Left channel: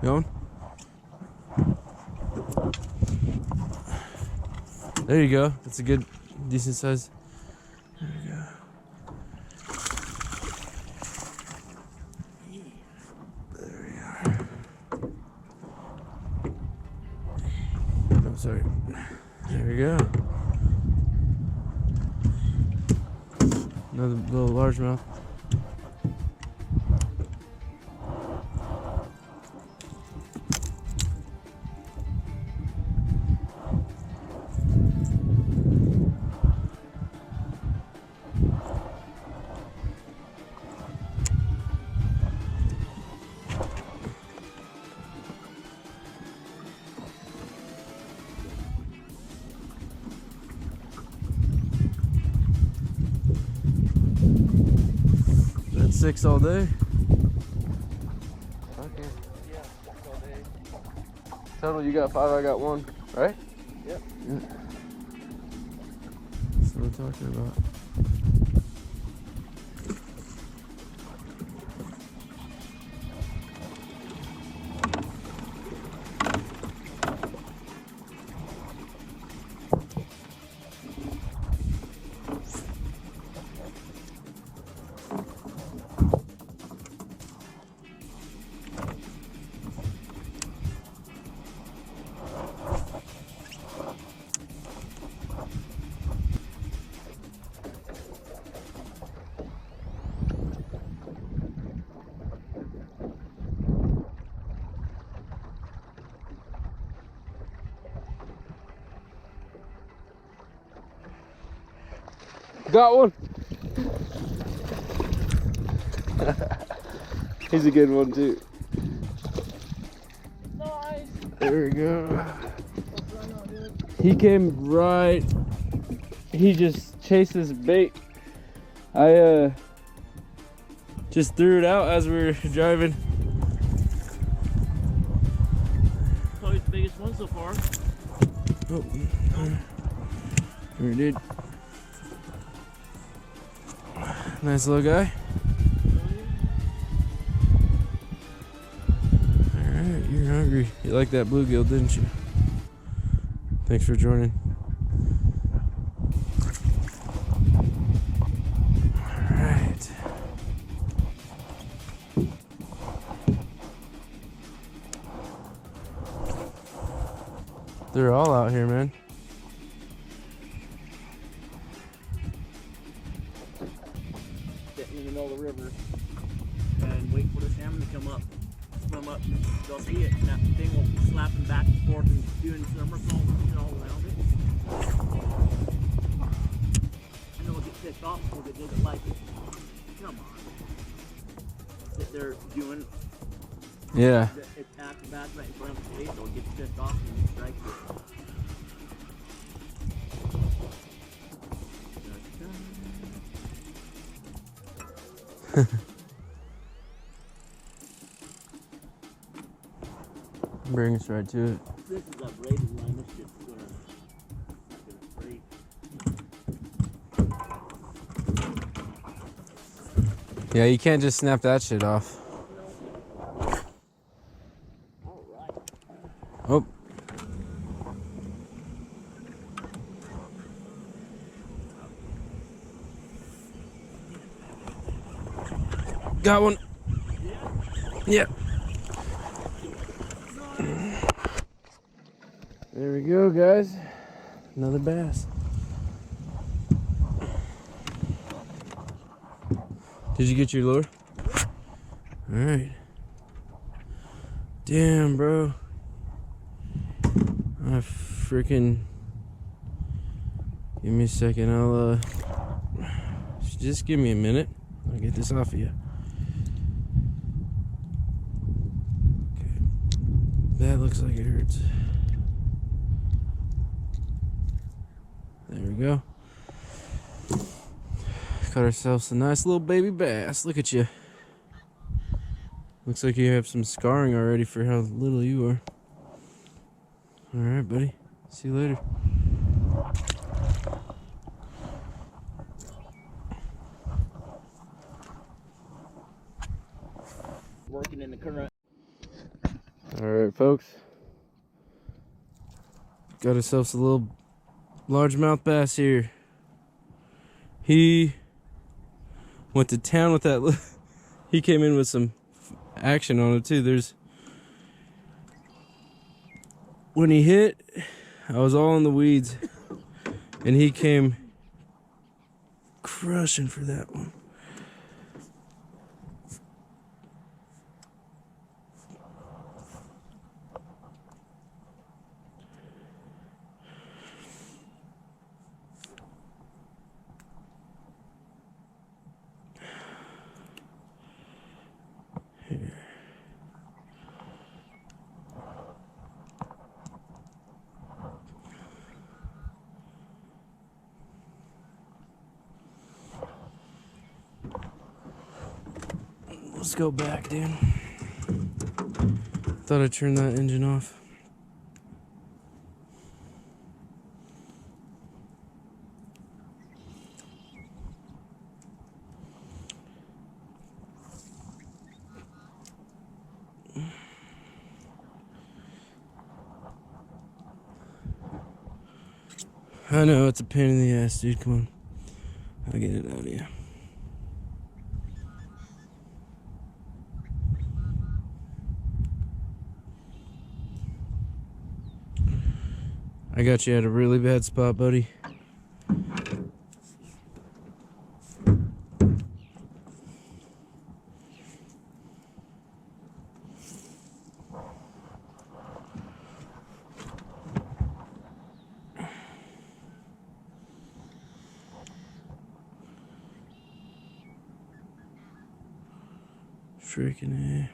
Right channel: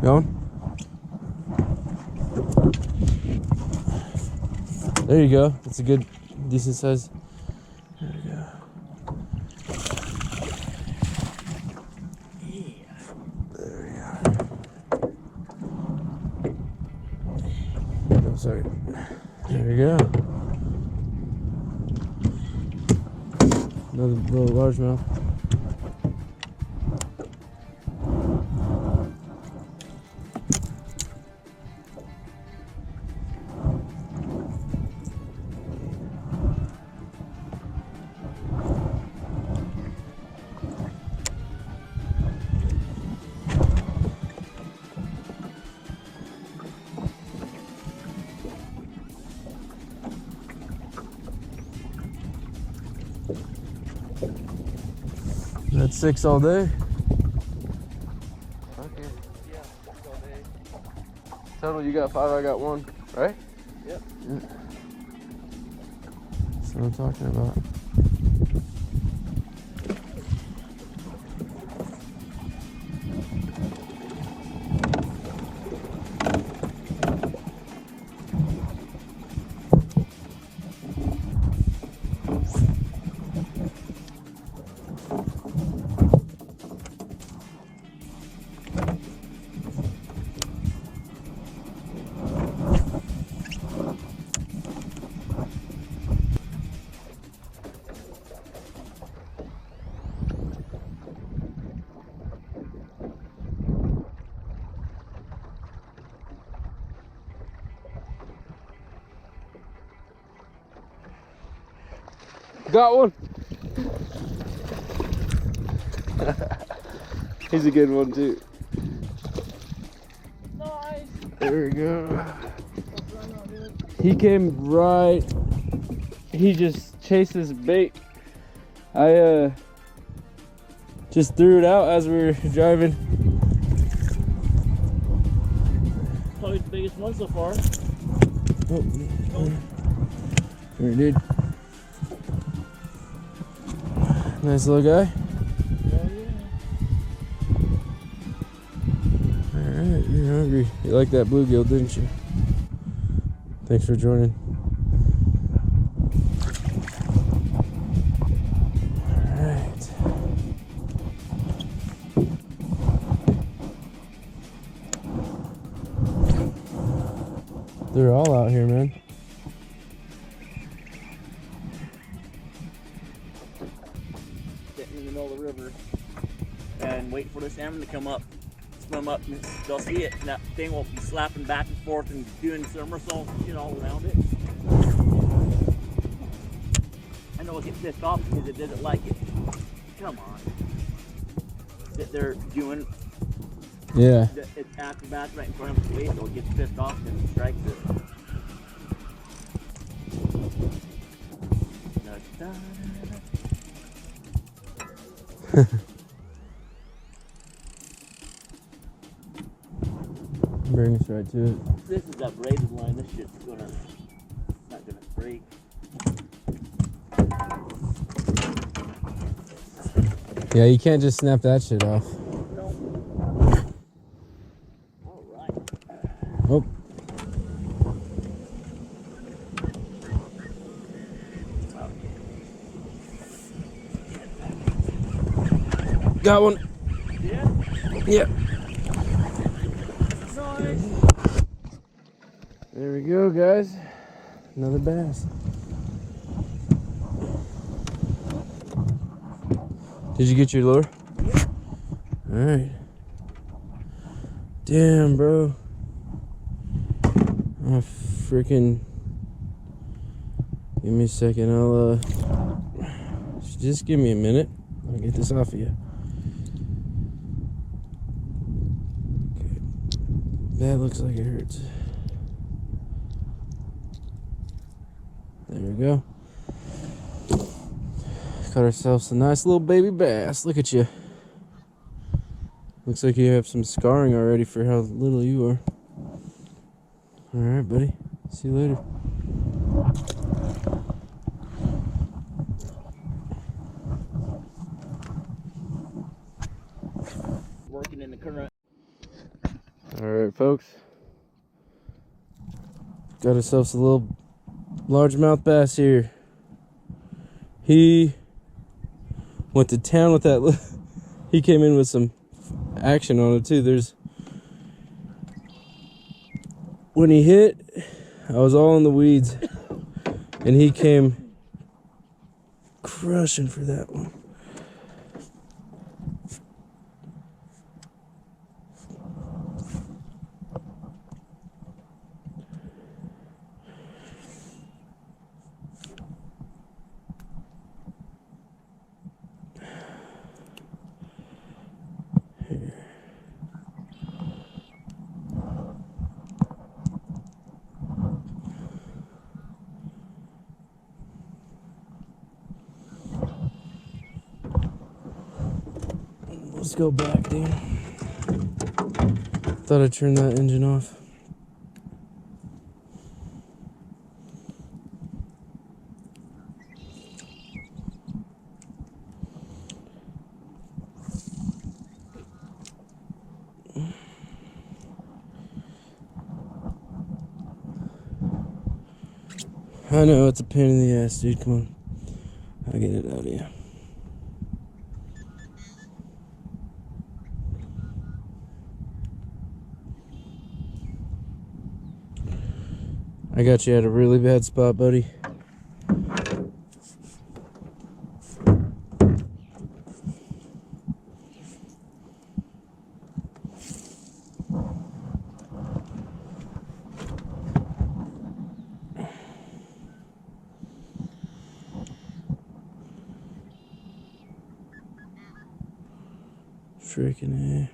Going? There you go. That's a good, decent size. There we go. There we are. Oh, sorry. There we go. Another little largemouth. That's 6 all day. Okay. Yeah, 6 all day. Total, you got 5, I got 1, right? Yep. Yeah. That's what I'm talking about. Got one. He's a good one too. Nice. There we go. He came right. He just chased this bait. I just threw it out as we were driving. Probably the biggest one so far. Oh, there, dude. Nice little guy. Oh yeah. Alright, you're hungry. You like that bluegill, didn't you? Thanks for joining. Alright. They're all out here, man. Sitting in the middle of the river and wait for the salmon to come up, swim up, and they'll see it, and that thing will be slapping back and forth and doing somersaults, all around it. I know it'll get pissed off because it doesn't like it. Come on. That they're doing Yeah. its acrobats right in front of its face, so it gets pissed off and strikes it. Bring us right to it. This is that braided line. This shit's not gonna break. Yeah, you can't just snap that shit off. No. All right. Oh. Got one. Yeah. Yep. Nice. There we go, guys. Another bass. Did you get your lure? Yep. All right. Damn, bro. I freaking. Give me a second. I'll just give me a minute. I'll get this off of you. Okay. That looks like it hurts. There we go. Got ourselves a nice little baby bass. Look at you. Looks like you have some scarring already for how little you are. All right, buddy. See you later. Working in the current. Alright, folks. Got ourselves a little largemouth bass here. He went to town with that. He came in with some action on it too. When he hit, I was all in the weeds, and he came crushing for that one. Here. Let's go back, dude. Thought I'd turn that engine off. I know, it's a pain in the ass, dude. Come on. I'll get it out of you. I got you at a really bad spot, buddy. Freaking A.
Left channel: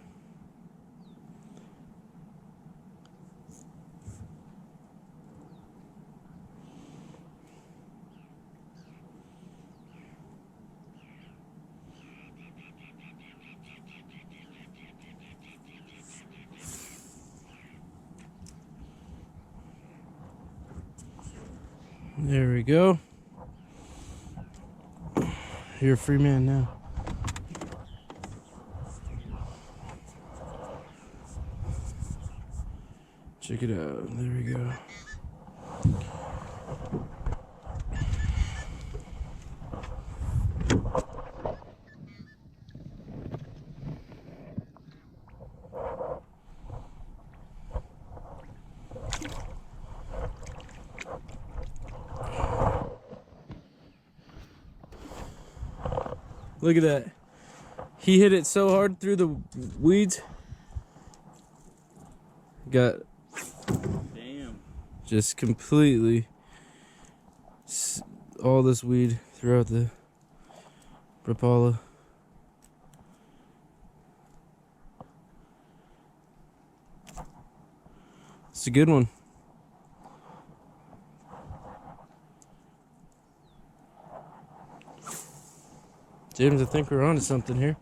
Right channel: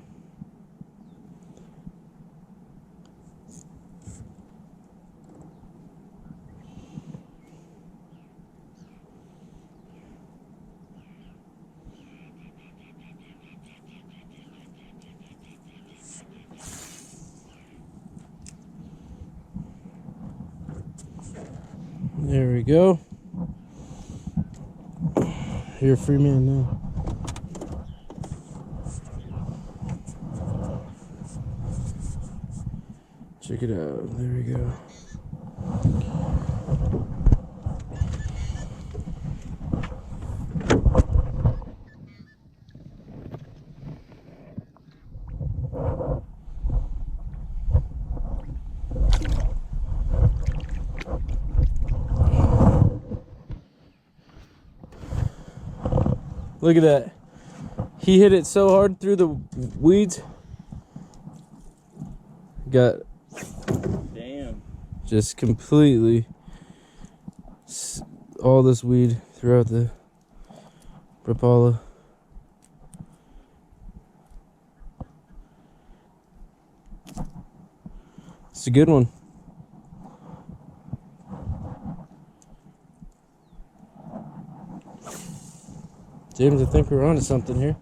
There we go. You're a free man now. Check it out. There we go. Look at that. He hit it so hard through the weeds. Got Damn. just completely all this weed throughout the rapala. It's a good one. James, I think we're on to something here.